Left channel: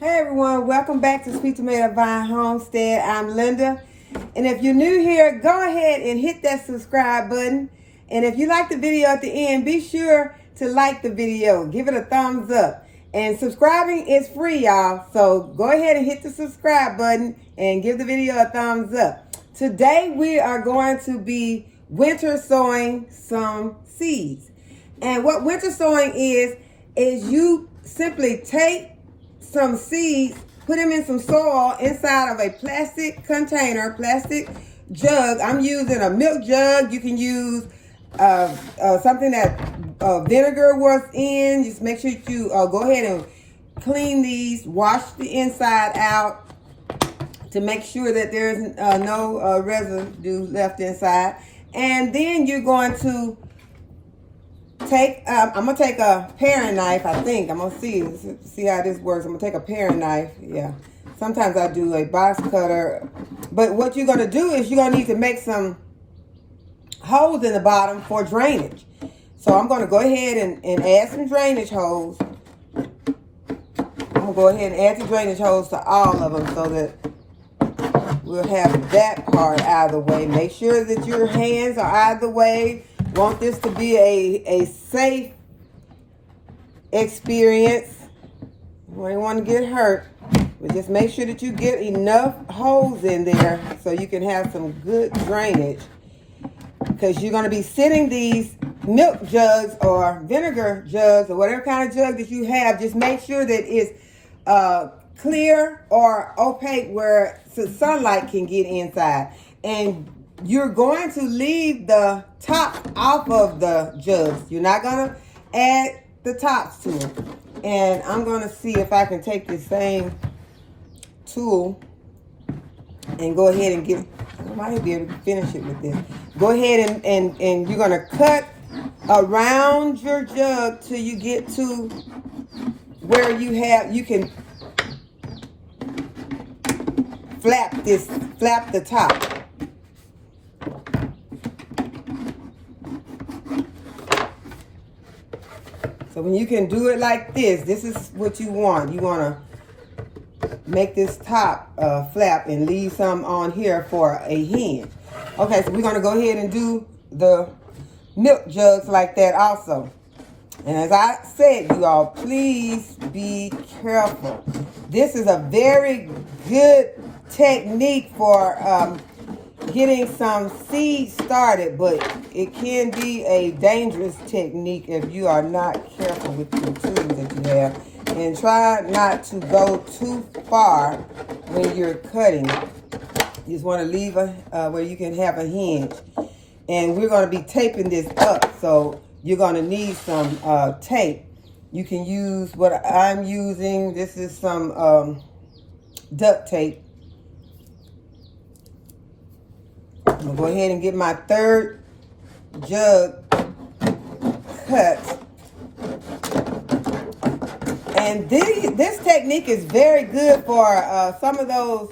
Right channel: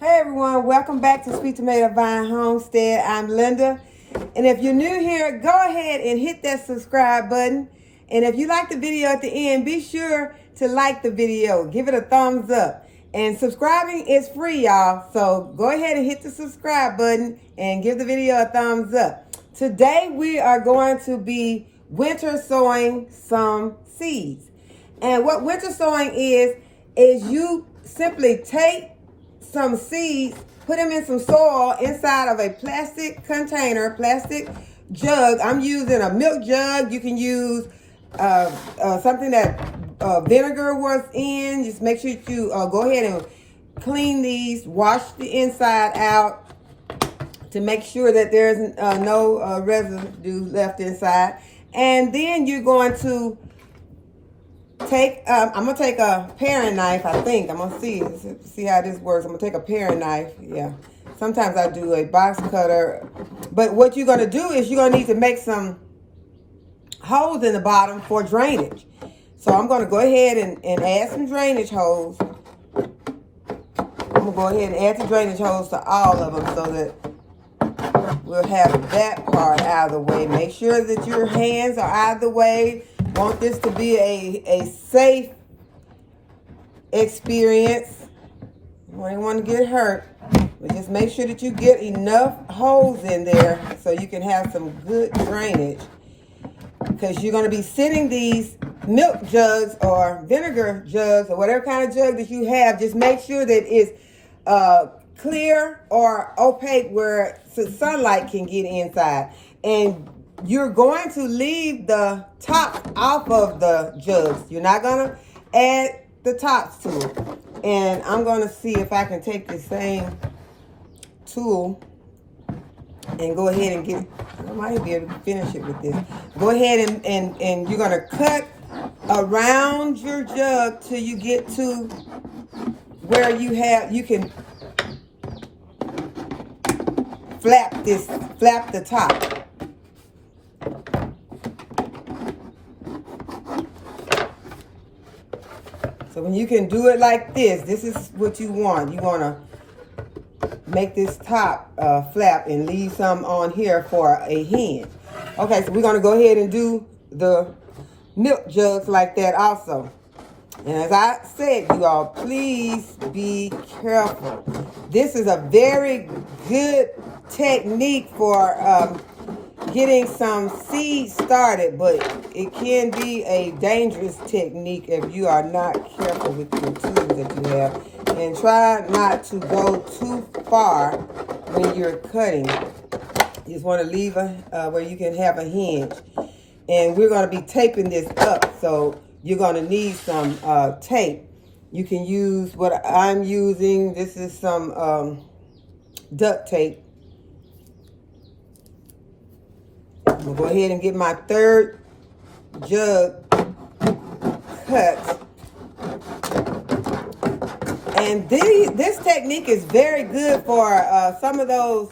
Hey everyone, welcome back to Sweet Tomato Vine Homestead. I'm Linda. And if you're new here, go ahead and hit that subscribe button. And if you like the video at the end, be sure to like the video. Give it a thumbs up. And subscribing is free, y'all. So go ahead and hit the subscribe button and give the video a thumbs up. Today we are going to be winter sowing some seeds. And what winter sowing is you simply take some seeds, put them in some soil inside of a plastic container, plastic jug. I'm using a milk jug. You can use something that vinegar was in. Just make sure you go ahead and clean these, wash the inside out to make sure that there's no residue left inside. And then you're going to take, I'm going to take a paring knife, I think. I'm going to see how this works. I'm going to take a paring knife. Yeah. Sometimes I do a box cutter. But what you're going to do is you're going to need to make some holes in the bottom for drainage. So I'm going to go ahead and add some drainage holes. I'm going to go ahead and add the drainage holes to all of them so that we'll have that part out of the way. Make sure that your hands are out of the way. Want this to be a safe experience. You don't want to get hurt. But just make sure that you get enough holes in there so you can have some good drainage. Because you're going to be sitting these milk jugs or vinegar jugs or whatever kind of jug that you have. Just make sure that it's clear or opaque where the sunlight can get inside. And you're going to leave the top off of the jugs. You're not going to add the tops to it. And I'm going to see if I can take this same tool and go ahead and get, I might be able to finish it with this. Go ahead and you're going to cut around your jug till you get to where you can flap the top. So when you can do it like this is what you want. You want to make this top flap and leave some on here for a hen. Okay, so we're going to go ahead and do the milk jugs like that also. And as I said, you all, please be careful. This is a very good technique for getting some seeds started, but it can be a dangerous technique if you are not careful with your tools that you have. And try not to go too far when you're cutting. You just want to leave where you can have a hinge. And we're going to be taping this up, so you're going to need some tape. You can use what I'm using. This is some duct tape. I'm going to go ahead and get my third jug cut. And this technique is very good for some of those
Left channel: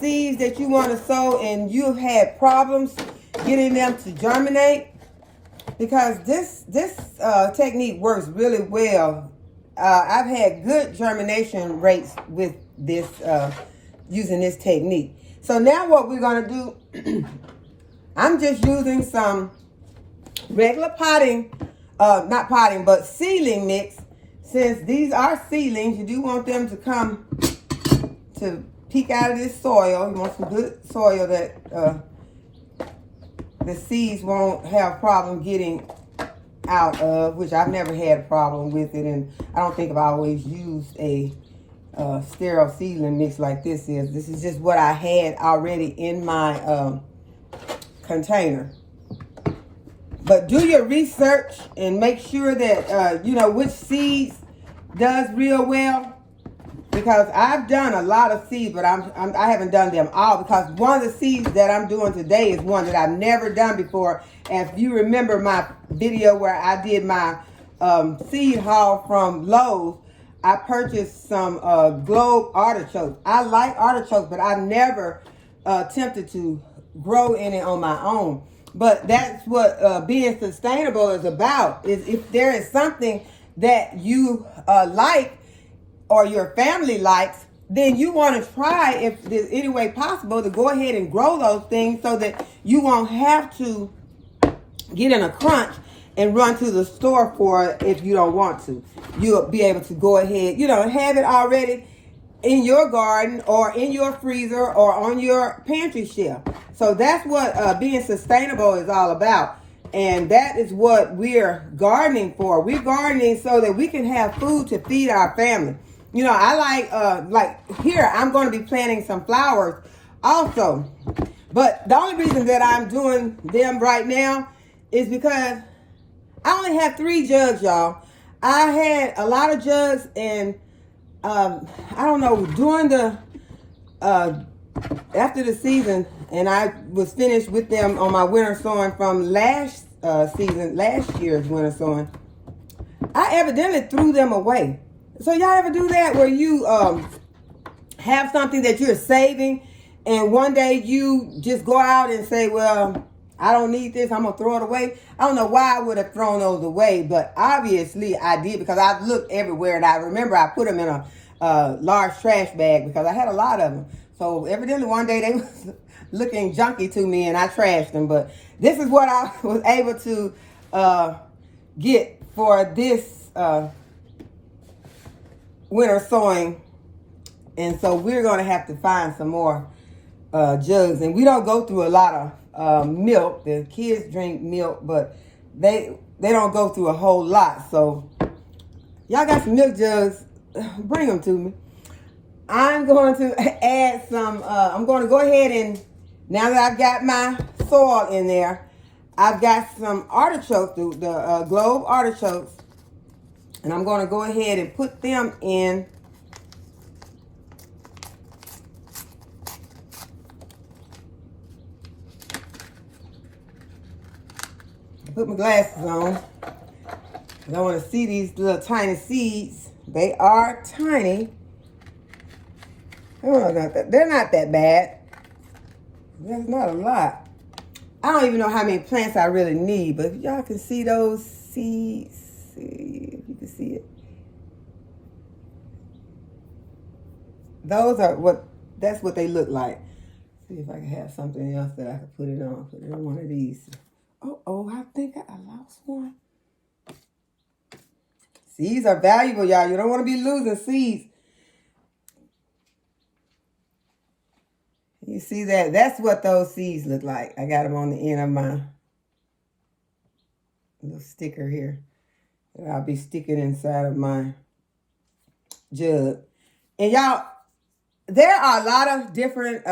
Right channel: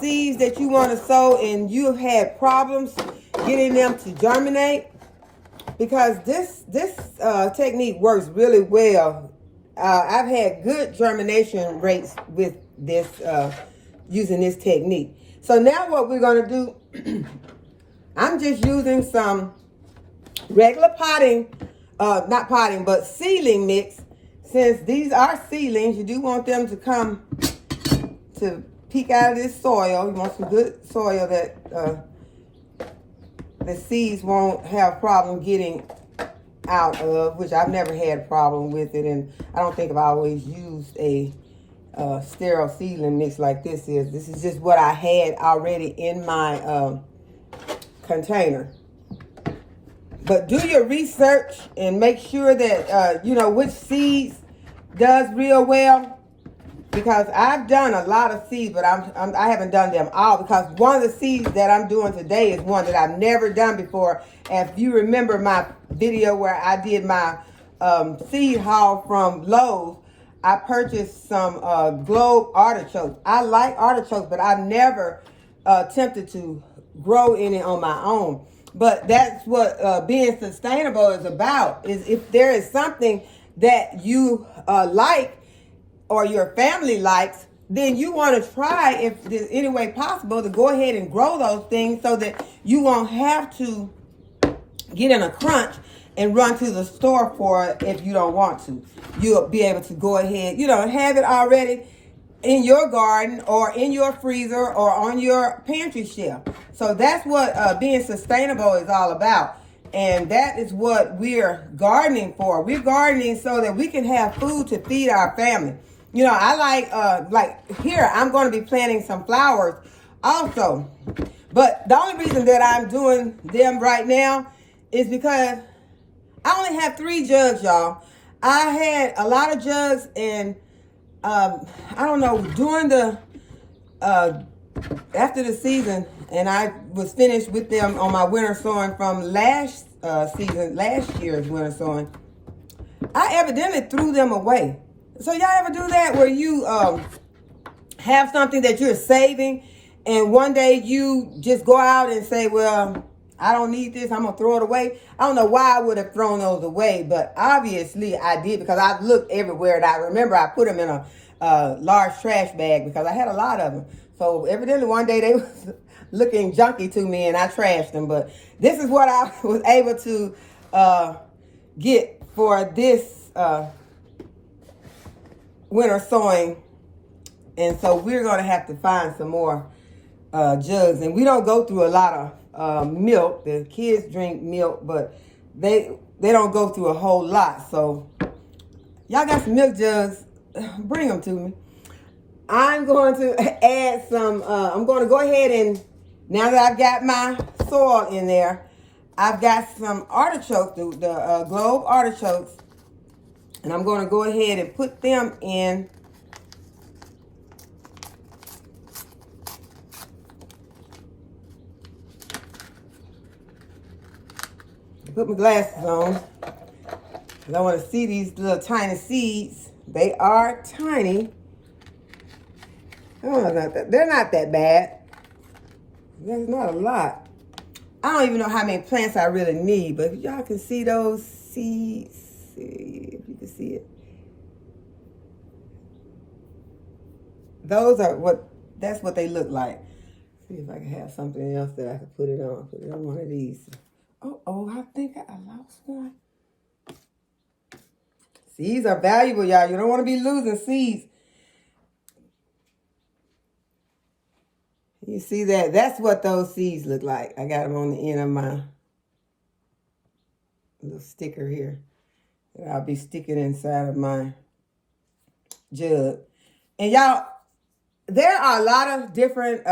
seeds that you want to sow and you've had problems getting them to germinate. Because this technique works really well. I've had good germination rates with this using this technique. So now what we're going to do, I'm just using some regular but seedling mix. Since these are seedlings, you do want them to come to peek out of this soil. You want some good soil that the seeds won't have problem getting out of, which I've never had a problem with it. And I don't think I've always used a sterile seedling mix like this is. This is just what I had already in my container. But do your research and make sure that you know which seeds does real well. Because I've done a lot of seeds, but I haven't done them all. Because one of the seeds that I'm doing today is one that I've never done before. And if you remember my video where I did my seed haul from Lowe's, I purchased some globe artichokes. I like artichokes, but I've never attempted to grow any on my own. But that's what being sustainable is about. Is if there is something that you like, or your family likes, then you want to try, if there's any way possible, to go ahead and grow those things so that you won't have to get in a crunch and run to the store for it if you don't want to. You'll be able to go ahead, have it already in your garden or in your freezer or on your pantry shelf. So that's what being sustainable is all about. And that is what we're gardening for. We're gardening so that we can have food to feed our family. I like here, I'm going to be planting some flowers also. But the only reason that I'm doing them right now is because I only have 3 jugs, y'all. I had a lot of jugs, and I don't know, during the after the season, and I was finished with them on my winter sowing from last year's winter sowing, I evidently threw them away. So y'all ever do that, where you have something that you're saving, and one day you just go out and say, well, I don't need this, I'm going to throw it away? I don't know why I would have thrown those away, but obviously I did, because I looked everywhere, and I remember I put them in a large trash bag because I had a lot of them. So evidently one day they was looking junky to me, and I trashed them. But this is what I was able to get for this winter sowing. And so we're going to have to find some more jugs. And we don't go through a lot of milk. The kids drink milk, but they don't go through a whole lot. So y'all got some milk jugs, bring them to me. I'm going to add some, I'm going to go ahead and, now that I've got my soil in there, I've got some artichokes, the globe artichokes, and I'm going to go ahead and put them in put my glasses on, because I want to see these little tiny seeds. They are tiny. Oh, they're not that bad. There's not a lot. I don't even know how many plants I really need, but y'all can see those seeds. See if you can see it. That's what they look like. See if I can have something else that I can put it on. Put it on one of these. Oh, I think I lost one. Seeds are valuable, y'all. You don't want to be losing seeds. You see that? That's what those seeds look like. I got them on the end of my little sticker here that I'll be sticking inside of my jug. And y'all, there are a lot of different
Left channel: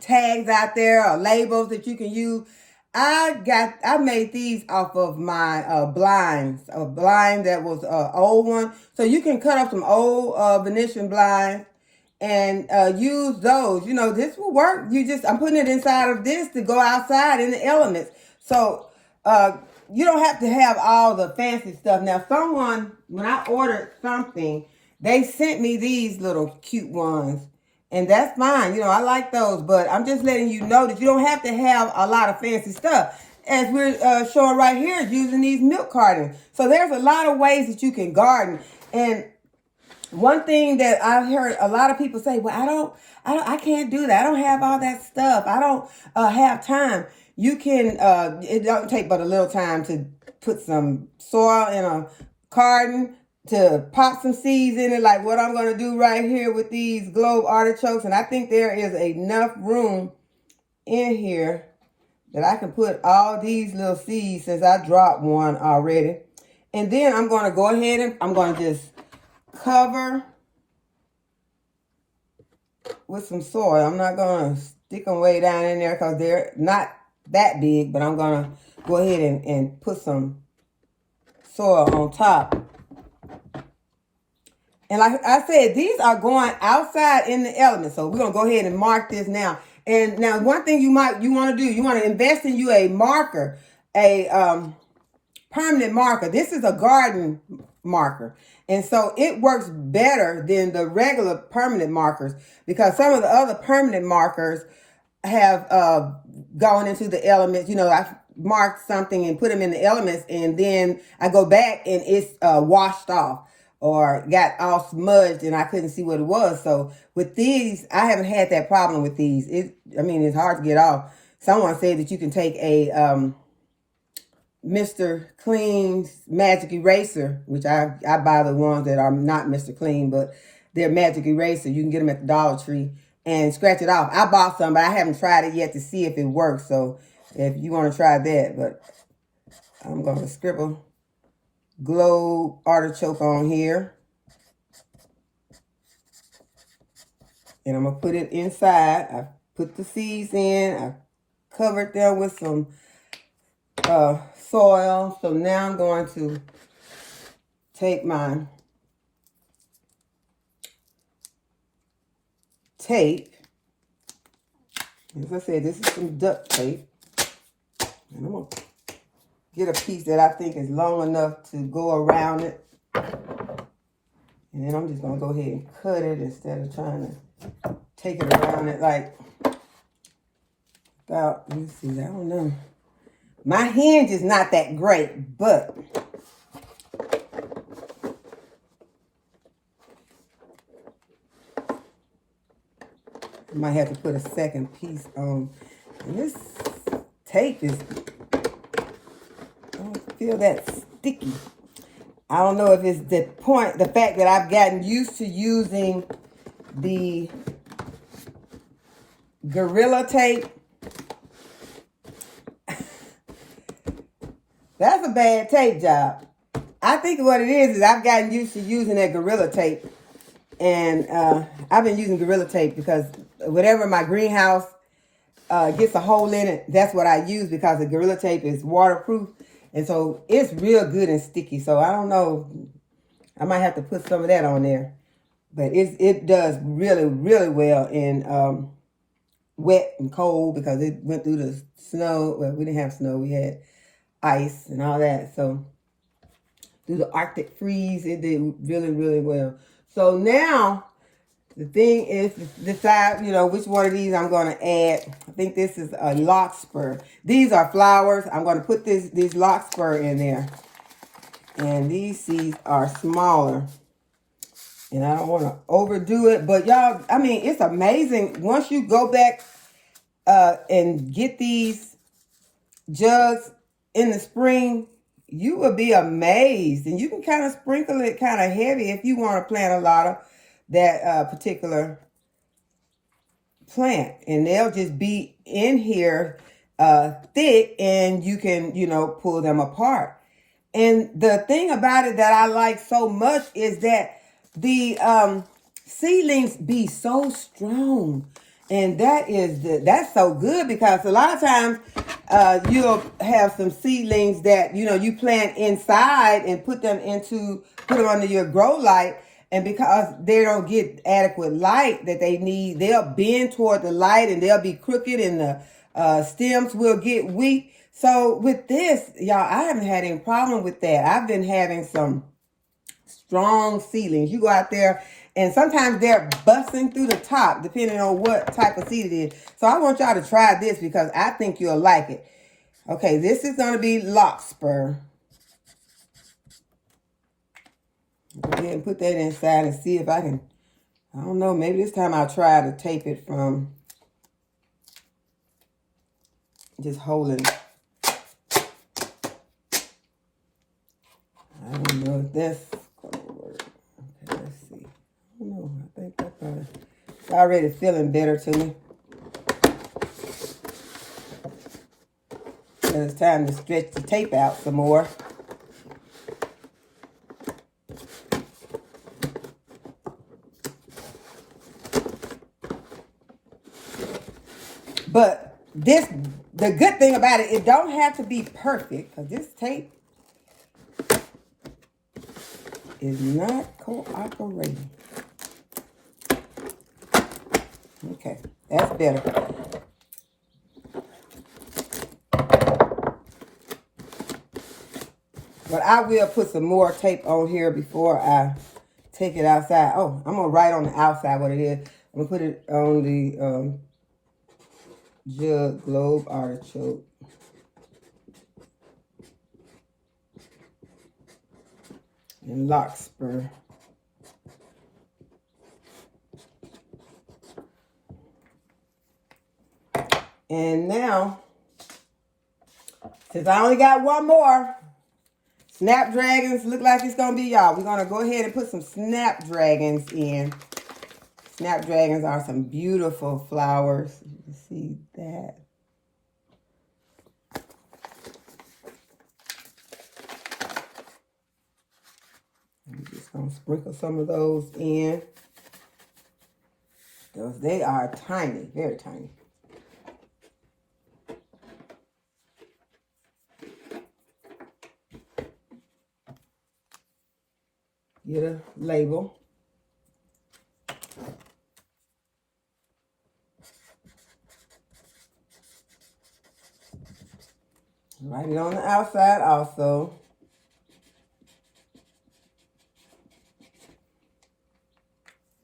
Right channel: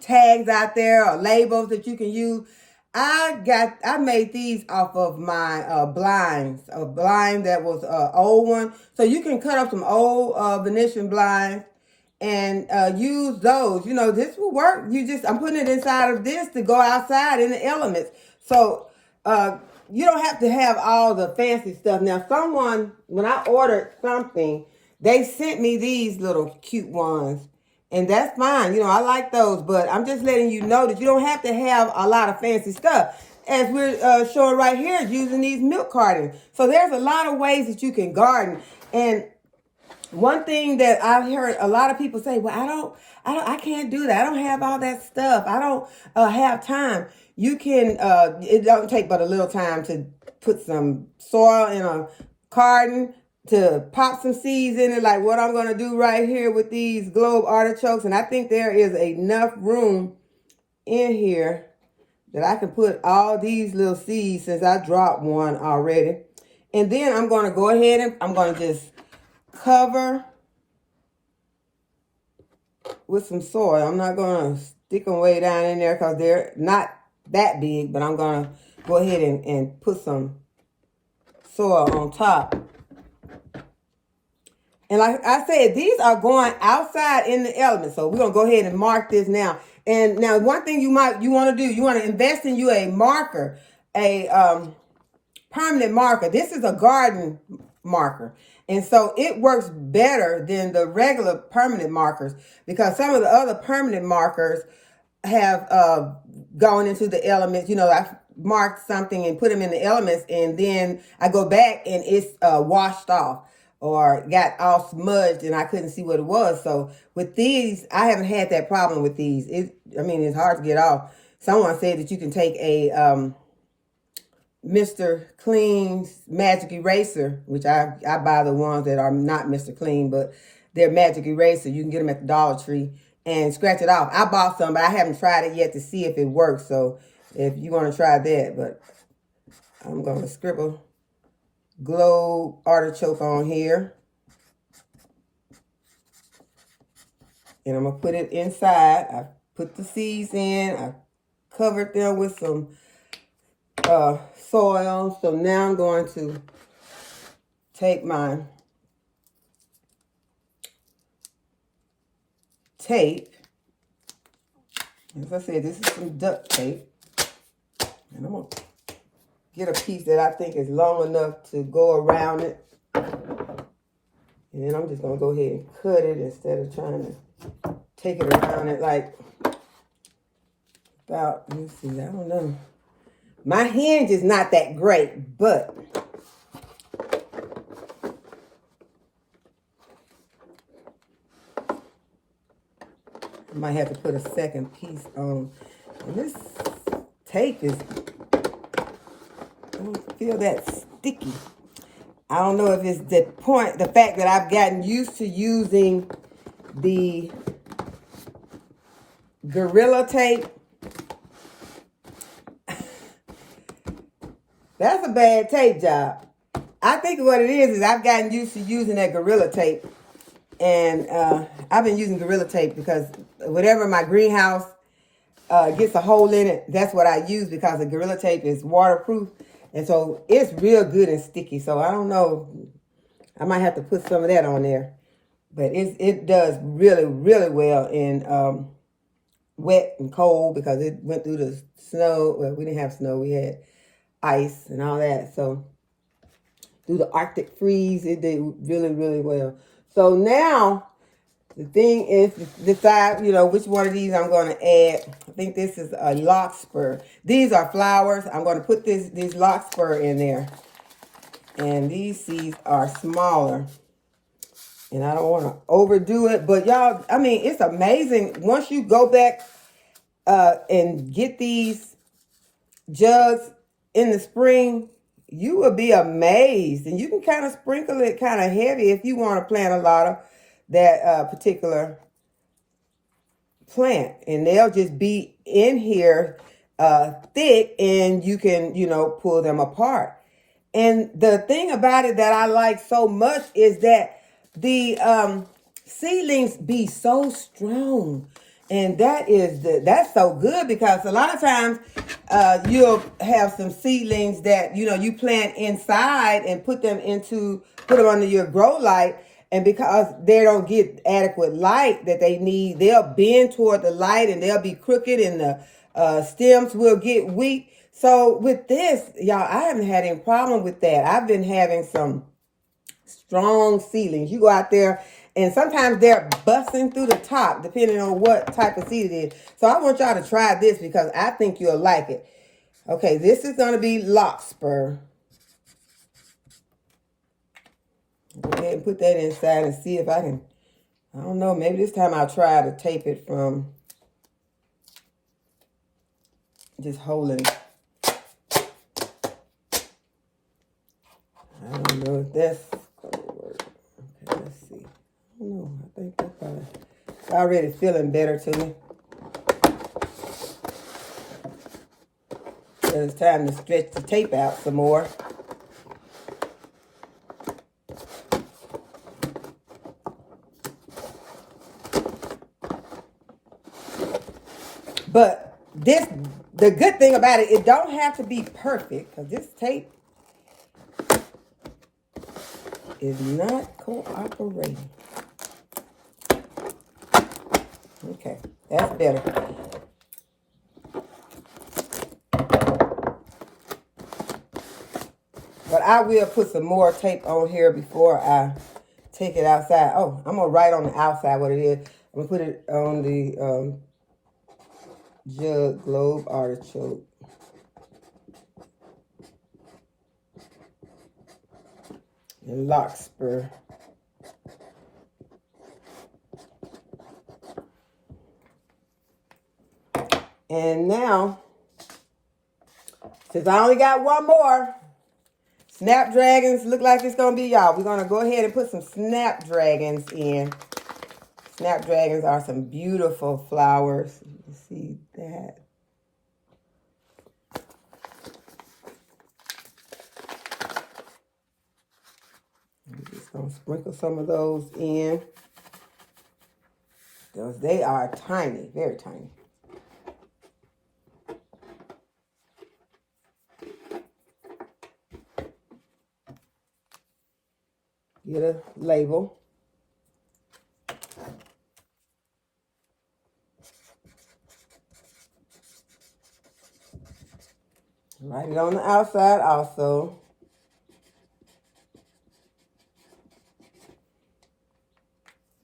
tags out there, or labels that you can use. I made these off of my blinds, a blind that was an old one. So you can cut up some old Venetian blinds and use those. This will work. I'm putting it inside of this to go outside in the elements. So you don't have to have all the fancy stuff. Now, when I ordered something, they sent me these little cute ones. And that's fine. I like those. But I'm just letting you know that you don't have to have a lot of fancy stuff. As we're showing right here, is using these milk cartons. So there's a lot of ways that you can garden. And one thing that I've heard a lot of people say, well, I can't do that. I don't have all that stuff. I don't have time. You can, it don't take but a little time to put some soil in a carton, to pop some seeds in it, like what I'm going to do right here with these globe artichokes. And I think there is enough room in here that I can put all these little seeds, since I dropped one already. And then I'm going to go ahead and I'm going to just cover with some soil. I'm not going to stick them way down in there because they're not that big, but I'm going to go ahead and put some soil on top. And like I said, these are going outside in the elements. So we're going to go ahead and mark this now. And now one thing you want to do, you want to invest in you a marker, a permanent marker. This is a garden marker. And so it works better than the regular permanent markers, because some of the other permanent markers have gone into the elements. I marked something and put them in the elements, and then I go back and it's washed off. or got all smudged and I couldn't see what it was. So with these, I haven't had that problem with these. It's hard to get off. Someone said that you can take a Mr. Clean's Magic Eraser, which I buy the ones that are not Mr. Clean, but they're Magic Eraser. You can get them at the Dollar Tree and scratch it off. I bought some, but I haven't tried it yet to see if it works. So if you want to try that, but I'm going to scribble globe artichoke on here. And I'm going to put it inside. I put the seeds in. I covered them with some soil. So now I'm going to take my tape. As I said, this is some duct tape. And I'm going to get a piece that I think is long enough to go around it. And then I'm just going to go ahead and cut it instead of trying to take it around it like about, let's see, I don't know. My hinge is not that great, but I might have to put a second piece on. And this tape is, I don't feel that sticky. I don't know if it's the fact that I've gotten used to using the Gorilla Tape. That's a bad tape job. I think what it is I've gotten used to using that Gorilla Tape. And I've been using Gorilla Tape because whatever my greenhouse gets a hole in it, that's what I use because the Gorilla Tape is waterproof. And so it's real good and sticky. So I don't know. I might have to put some of that on there. But it does really, really well in wet and cold because it went through the snow. Well, we didn't have snow. We had ice and all that. So through the Arctic freeze, it did really, really well. So now the thing is to decide, which one of these I'm going to add. I think this is a larkspur. These are flowers. I'm going to put these larkspur in there. And these seeds are smaller. And I don't want to overdo it. But y'all, it's amazing. Once you go back and get these jugs in the spring, you will be amazed. And you can kind of sprinkle it kind of heavy if you want to plant a lot of that particular plant. And they'll just be in here thick and you can, pull them apart. And the thing about it that I like so much is that the seedlings be so strong. And that's so good because a lot of times you'll have some seedlings that, you plant inside and put them under your grow light. And because they don't get adequate light that they need, they'll bend toward the light and they'll be crooked and the stems will get weak. So with this, y'all, I haven't had any problem with that. I've been having some strong seedlings. You go out there and sometimes they're busting through the top depending on what type of seed it is. So I want y'all to try this because I think you'll like it. Okay, this is going to be larkspur. Go ahead and put that inside and see if I can, I don't know, maybe this time I'll try to tape it from just holding it. I don't know if that's going to work. Okay, let's see. I don't know. I think that's already feeling better to me. So it's time to stretch the tape out some more. But the good thing about it, it don't have to be perfect because this tape is not cooperating. Okay, that's better. But I will put some more tape on here before I take it outside. Oh, I'm going to write on the outside what it is. I'm going to put it on the jug globe artichoke. And larkspur. And now, since I only got one more, snapdragons look like it's going to be y'all. We're going to go ahead and put some snapdragons in. Snapdragons are some beautiful flowers. You see that? I'm just going to sprinkle some of those in. Because they are tiny, very tiny. Get a label. Write it on the outside also.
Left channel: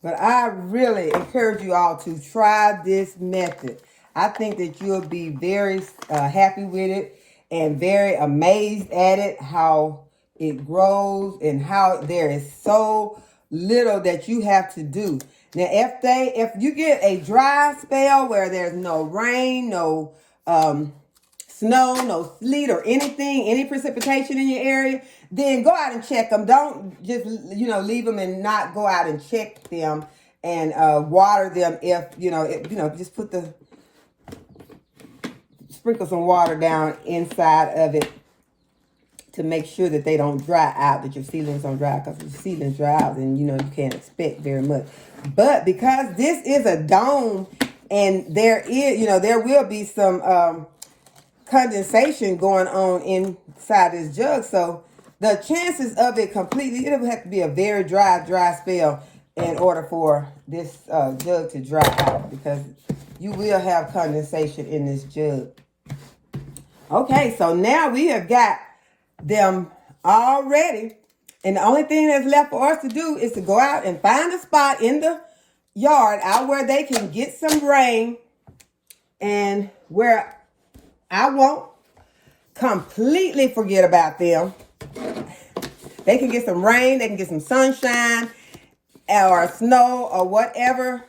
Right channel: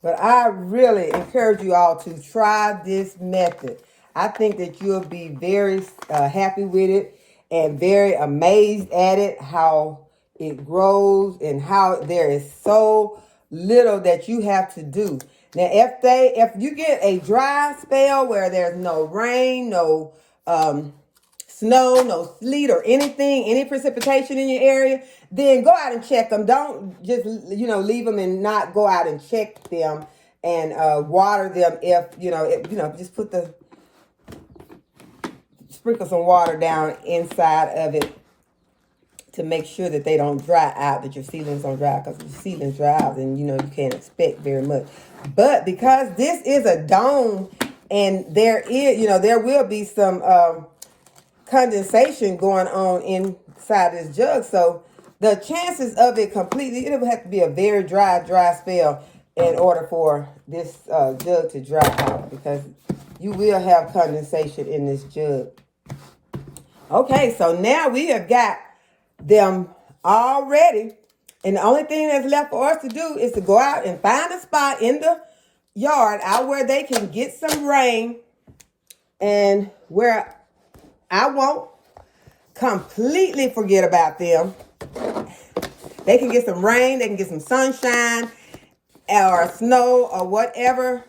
But I really encourage you all to try this method. I think that you'll be very happy with it and very amazed at it, how it grows and how there is so little that you have to do. Now, if you get a dry spell where there's no rain, no snow, no sleet or anything, any precipitation in your area, then go out and check them. Don't just, leave them and not go out and check them and water them just sprinkle some water down inside of it to make sure that they don't dry out, that your seedlings don't dry out, because if your seedlings dry out, then, you can't expect very much. But because this is a dome and there will be some condensation going on inside this jug, so the chances of it completely, it'll have to be a very dry spell in order for this jug to dry out, because you will have condensation in this jug. Okay, so now we have got them all ready, and the only thing that's left for us to do is to go out and find a spot in the yard out where they can get some rain and where I won't completely forget about them. They can get some rain, they can get some sunshine or snow or whatever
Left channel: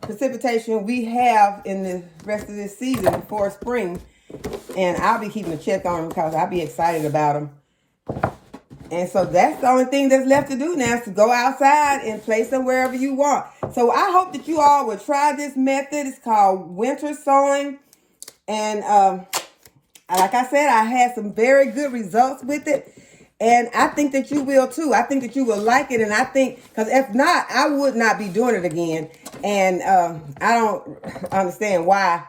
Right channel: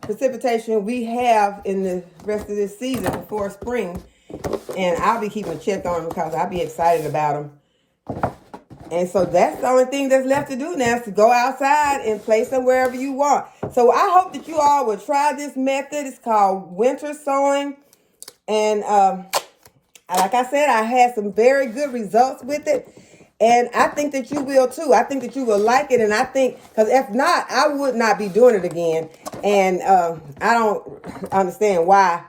precipitation we have in the rest of this season before spring. And I'll be keeping a check on them because I'll be excited about them. And so that's the only thing that's left to do now, is to go outside and place them wherever you want. So I hope that you all will try this method. It's called winter sowing. And like I said, I had some very good results with it. And I think that you will too. I think that you will like it. And I think, because if not, I would not be doing it again. And I don't understand why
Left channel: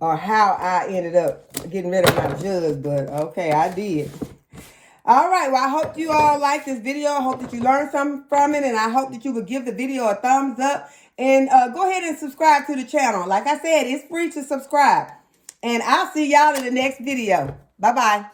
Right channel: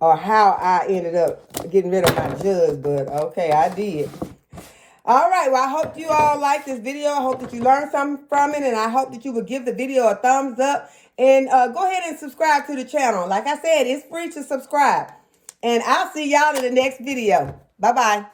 or how I ended up getting rid of my jug. But okay, I did. All right, well, I hope you all like this video. I hope that you learned something from it. And I hope that you will give the video a thumbs up. And go ahead and subscribe to the channel. Like I said, it's free to subscribe. And I'll see y'all in the next video. Bye-bye.